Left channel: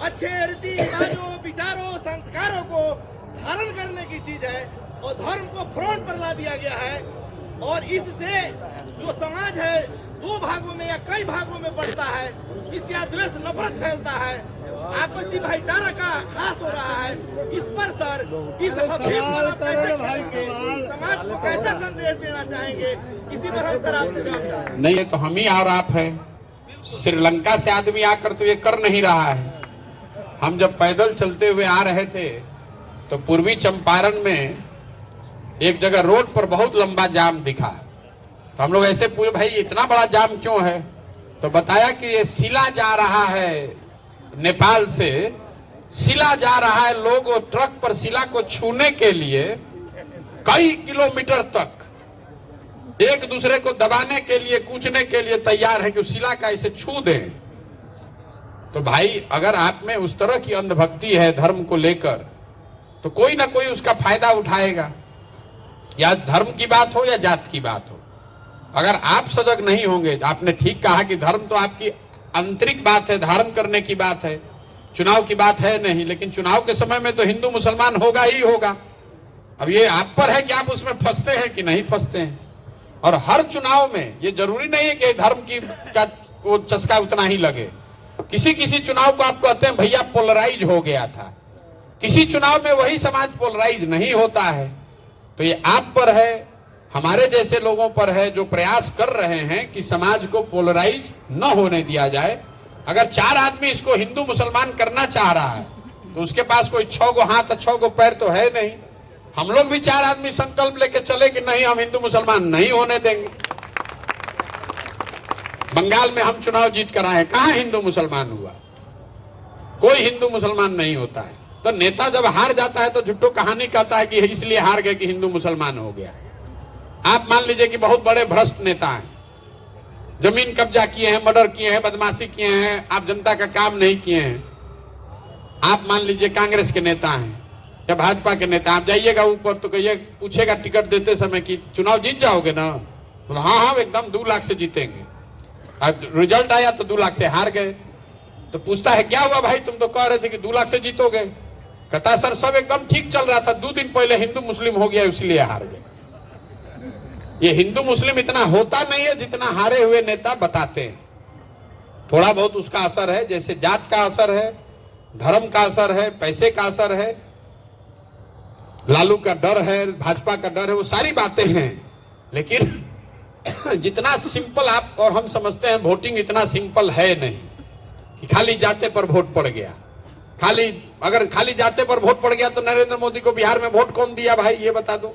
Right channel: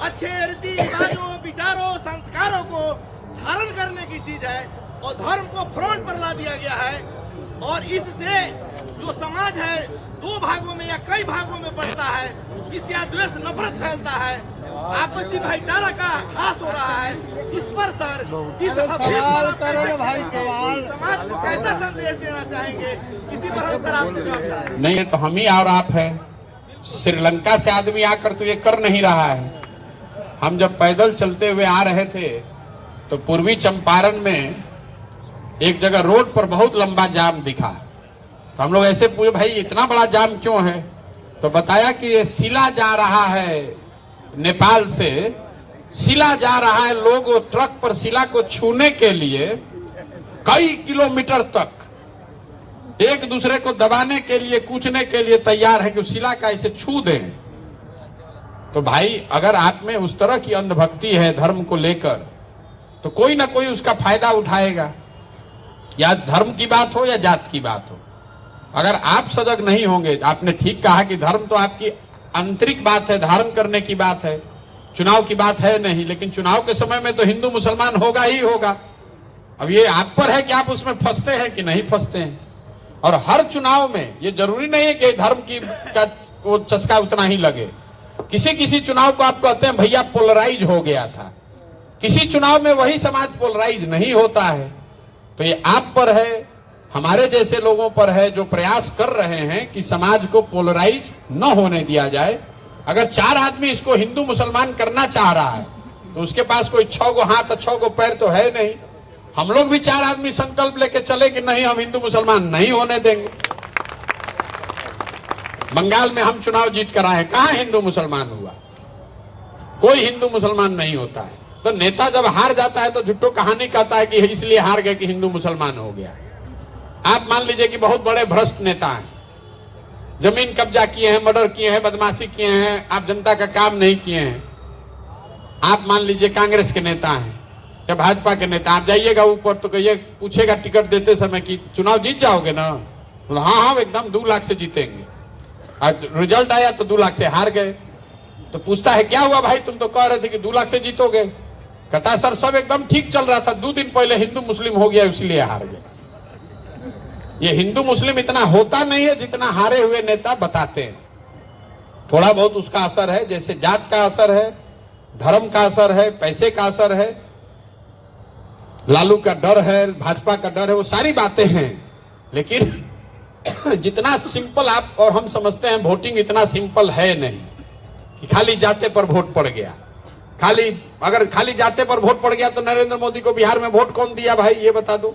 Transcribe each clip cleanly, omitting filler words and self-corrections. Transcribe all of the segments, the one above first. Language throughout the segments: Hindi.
अच्छे रीति रिवाजों, विचारों, संस्कारों को धारण करने की चीज है और धर्म को फ्रंट पर ला दिया गया है। और इससे जो समाज है दो भागों में या कई भागों में बढ़ता है, इससे द्वेष, नफरत फैलता है, आपसी भाईचारा का ह्रास हो रहा है। इस पर सर, इस हकीम पर आप कैसे खेलेंगे, समाज को कैसा संदेश देना चाहेंगे, इसी पर हम सर आपसे जवाब चाहेंगे। नहीं तो हम ही और आप हैं। श्रीलंका से आदमी आकर तो ये कर नहीं रहा है। हम जब पैदल चलते हुए आ रहे थे तो पूर्वी चंपारण में एक जगह रोड पर बहुत लंबा जाम दिखा। तो हम लोग ऐसे पूछे, भाई इतना बड़ा जाम क्यों है? तो बताया कि ये शिला जा रहा है, नेपाल से शिला जा रहा है। लोग वो ट्रक पर शिला को छूने के लिए कई किलोमीटर तक एक दूसरे को दबाने के लिए, कूचने के लिए तैयार है कि शिला का इसे छू दें। तो भाई अगर आप में उस तरह की अंधभक्ति है धर्म को लेकर, तो कोई ना कोई उसका फायदा उठाएगा, या धर्म की बात हो या जात की बात हो। अगर आप सजग नहीं होंगे, आपने ठीक कहा कि धर्म तो आपकी आंतरिक बात है, धारण करने की बात है, चुनाव की बात है नहीं। लेकिन चुनाव के समय में तो हिंदू मुसलमान होगा ही होगा। अब ये आप पर है कि आप उसमें फंसते हैं कि नहीं फंसते हैं। और हर चुनाव में ये जरूरी नहीं है कि धर्म की का वो चस्का उतना ही लगे। किसी किसी चुनाव को आप कहते हैं भैया पोलराइज हो गया था, किसी चुनाव में वही समाज पोलराइज नहीं होता है। तो ये आप पर है, हमारे जैसे लोगों पर है जो प्रयास कर रहे हैं कि समाज को पोलराइज न होने दिया जाए। अगर चार आदमी इसको हिंदू मुसलमान करना चाह रहा है तो उसके पास कोई 6 गो हाथ 6 गो पैर तो है नहीं। हम लोग भी 4 आदमी संकल्प लेके चले कि नहीं, हम हिंदू मुसलमान नहीं होने देंगे। बंगाल में हम चुनाव जीत कर आए, कहां हिंदू मुसलमान हुआ? कोई हिंदू मुसलमान नहीं होता है। तो नेता जब हार जाता है तो झूठो कहानी कहता है कि इसलिए हार गए कि हिंदू मुसलमान हो गया। आप मान लीजिए कि बहुत बड़े भ्रष्ट नेता हैं, जमीन कब्जा किए हैं, मर्डर किए हैं, बदमाशी किए हैं, आप जनता का काम नहीं किए हैं। आप मान लीजिए कांग्रेस के नेता हैं या भाजपा के नेता, आप जाइएगा ऊपर तो कहिए, पूछेगा टिकट देते समय कि चुनाव जीत जाओगे ना? तो हाँ एकदम 2 लाख से जीतेंगे। रिजल्ट आया तो 2 लाख से हार गए। तो पूछता है क्या हुआ भाई, तुम तो कह रहे थे कि 2 लाख से जीतोगे। कहता सर सब एकदम ठीक चल रहा था, 2 दिन पहले हिंदू मुस्लिम हो गया इसलिए हार गए। ये हिंदू मुस्लिम इतना होता नहीं है जितना हारे हुए नेता बताते हैं। थोड़ा बहुत उसका असर है, जैसे जात का असर है, धर्म का असर है, पैसे का असर है, लालू का डर है, भाजपा का डर है, वो सारी बातें हैं। लेकिन जितना सिंपल आप और हम समझते हैं, वोटिंग इतना सिंपल है नहीं कि खाली जाते पर वोट पड़ गया। अगर खाली जाते पर वोट पड़ गया तो नरेंद्र मोदी को बिहार में वोट कौन दिया भाई, ये बता दो।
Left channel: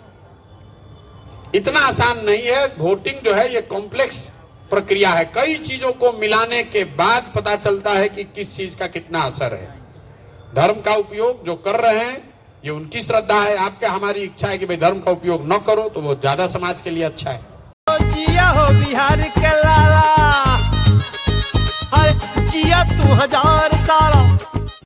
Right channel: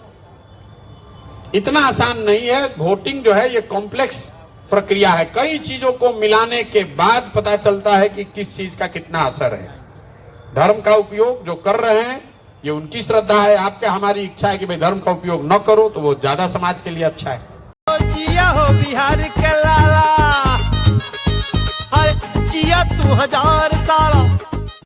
इतना आसान नहीं है। वोटिंग जो है ये कॉम्प्लेक्स प्रक्रिया है। कई चीजों को मिलाने के बाद पता चलता है कि किस चीज का कितना असर है। धर्म का उपयोग जो कर रहे हैं ये उनकी श्रद्धा है, आपका हमारी इच्छा है कि भाई धर्म का उपयोग न करो तो वो ज्यादा समाज के लिए अच्छा है। जिया हो बिहार के लाला, जिया तू 1000 साल।